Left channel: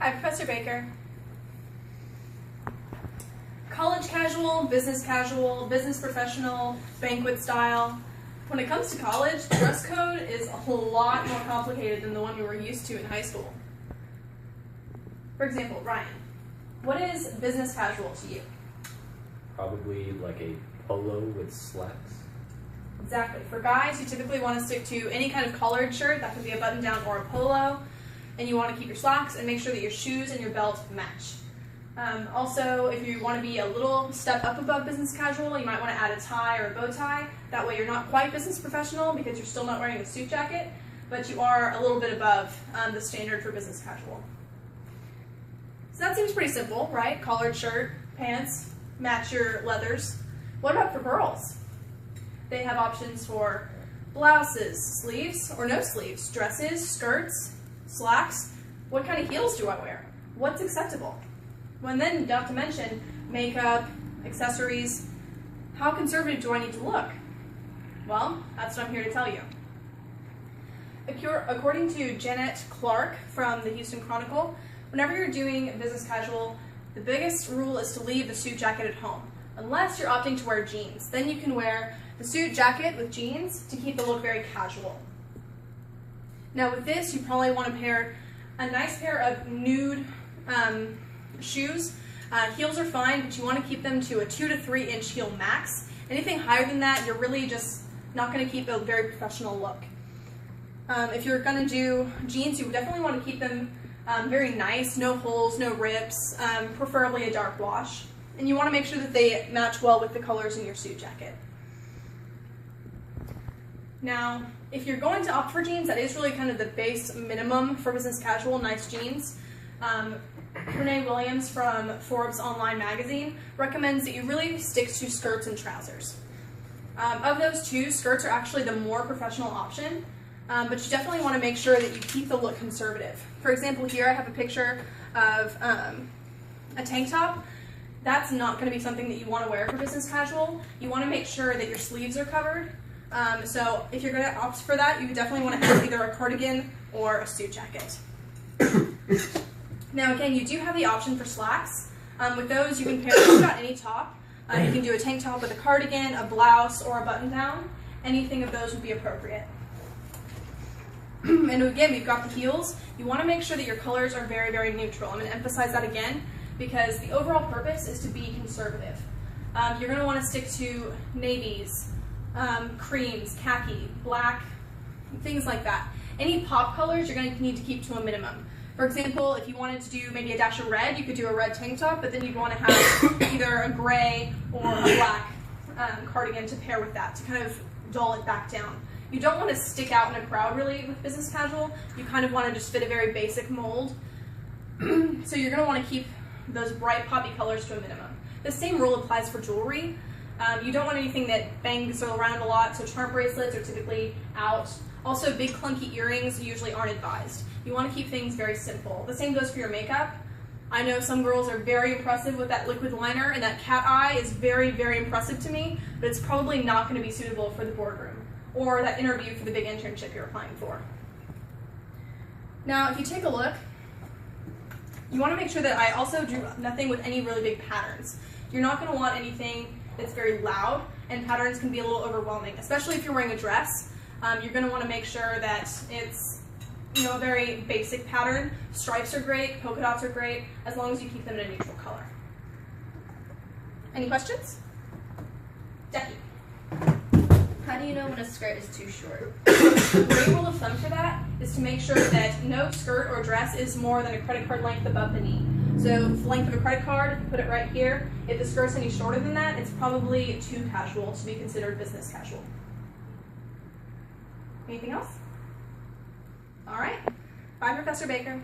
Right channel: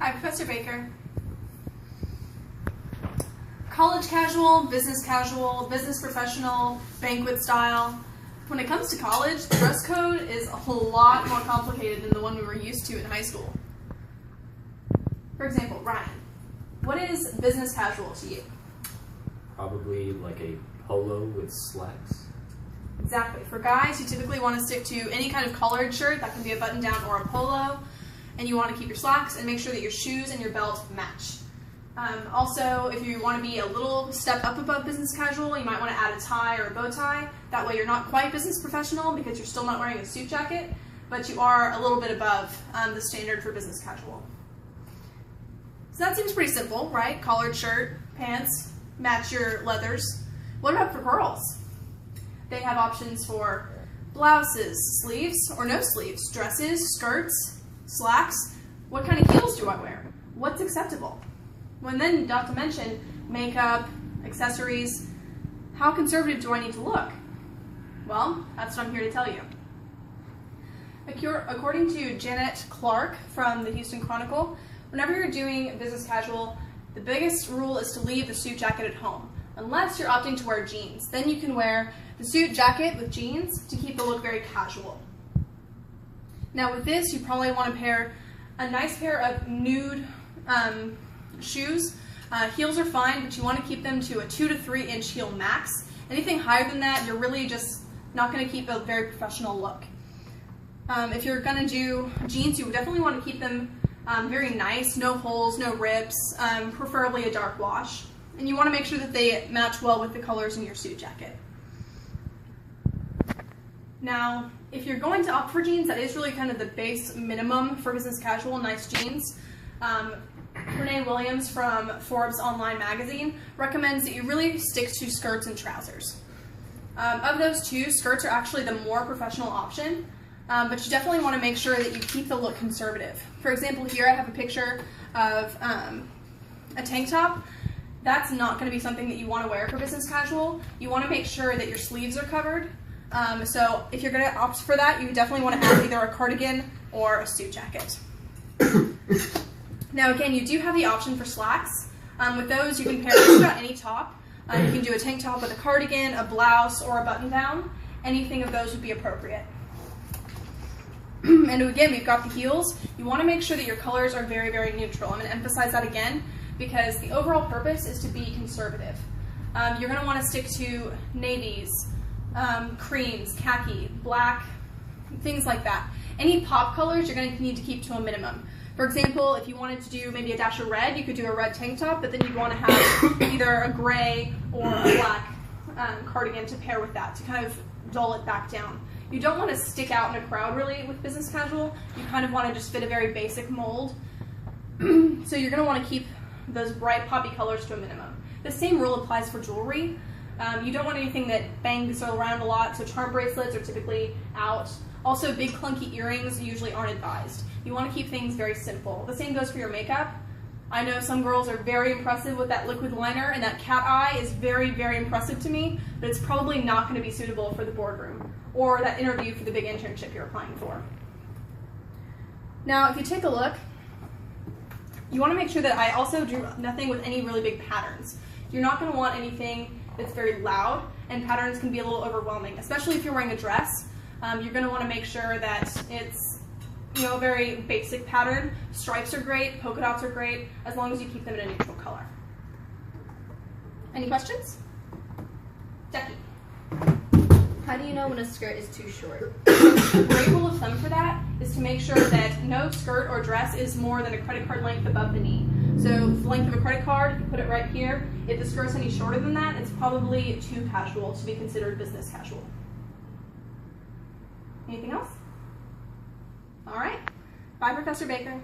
Hi, Professor Baker. College casual, business professional, banquet style. When it comes to college, the dress code is a whole lot more complicated than the one we were used to in high school. For example, Ryan, what is business casual to you? Probably like a polo with slacks. Exactly. For guys, you typically want to stick to any kind of collared shirt. That can be a button down or a polo. And you want to keep your slacks and make sure that your shoes and your belt match. Also, if you want to be a little step up above business casual, you might want to add a tie or a bow tie. That way you're not quite business professional because you're still not wearing a suit jacket, but you are a little bit above the standard for business casual. So that seems pretty simple, right? Collared shirt, pants, match your leathers. What about for girls? They have options for blouses, sleeves or no sleeves, dresses, skirts, slacks. What kind of heels do I wear? What's acceptable? Well, and then not to mention makeup, accessories. How conservative do I need to look? Well, that's what I'm here to tell you. According to Janet Clark from the Houston Chronicle, whenever you're doing business casual, the biggest rule is to leave the suit jacket at home, unless you're opting to wear jeans. Then you can wear the suit jacket with jeans to keep the look very casual. Now with this, you probably want to pair a nice pair of nude shoes. Heels are fine, but you want to keep them to a 2 to 3 inch heel max. Anything higher than that, you're really just not going to keep a very professional look. If you're going to do jeans, you definitely want to keep them very nice, no holes, no rips, preferably a dark wash. And you want to make sure that they match well with the colors in your suit jacket. Now, if you're going to opt for jeans, that is really kind of the base minimum for business casual, nice jeans. Renee Williams from Forbes Online magazine recommends that you really stick to skirts and trousers. Of those two, skirts are actually the more professional option, but you definitely want to make sure that you keep the look conservative. For example, here I have a picture of a tank top. That's not going to be something that you want to wear for business casual. You want to make sure that your sleeves are covered. So if you're going to opt for that, you definitely want to have either a cardigan or a suit jacket. Now again, you do have the option for slacks. With those, you can pair just about any top. You can do a tank top with a cardigan, a blouse, or a button down. Anything of those would be appropriate. And again, we've got the heels. You want to make sure that your colors are very, very neutral. I'm going to emphasize that again because the overall purpose is to be conservative. You're going to want to stick to navies, creams, khaki, black, things like that. Any pop colors you're going to need to keep to a minimum. For example, if you wanted to do maybe a dash of red, you could do a red tank top, but then you'd want to have either a gray or a black cardigan to pair with that to kind of dull it back down. You don't want to stick out in a crowd really with business casual. You kind of want to just fit a very basic mold. So you're going to want to keep those bright poppy colors to a minimum. The same rule applies for jewelry. You don't want anything that bangs around a lot, so charm bracelets are typically out. Also, big clunky earrings usually aren't advised. You want to keep things very simple. The same goes for your makeup. I know some girls are very impressive with that liquid liner, and that cat eye is very, very impressive to me, but it's probably not going to be suitable for the boardroom or that interview for the big internship you're applying for. Now, if you take a look, you want to make sure that I also drew nothing with any really big patterns. You're not going to want anything that's very loud, and patterns can be a little overwhelming, especially if you're wearing a dress. You're going to want to make sure that it's a very basic pattern. Stripes are great, polka dots are great, as long as you keep them in a neutral color. Any questions? Jackie. How do you know when a skirt is too short? A great rule of thumb for that is to make sure that no skirt or dress is more than a credit card length above the knee. So the length of a credit card, if you put it right here, if the skirt's any shorter than that, it's probably too casual to be considered business casual. Anything else? All right. Bye, Professor Baker.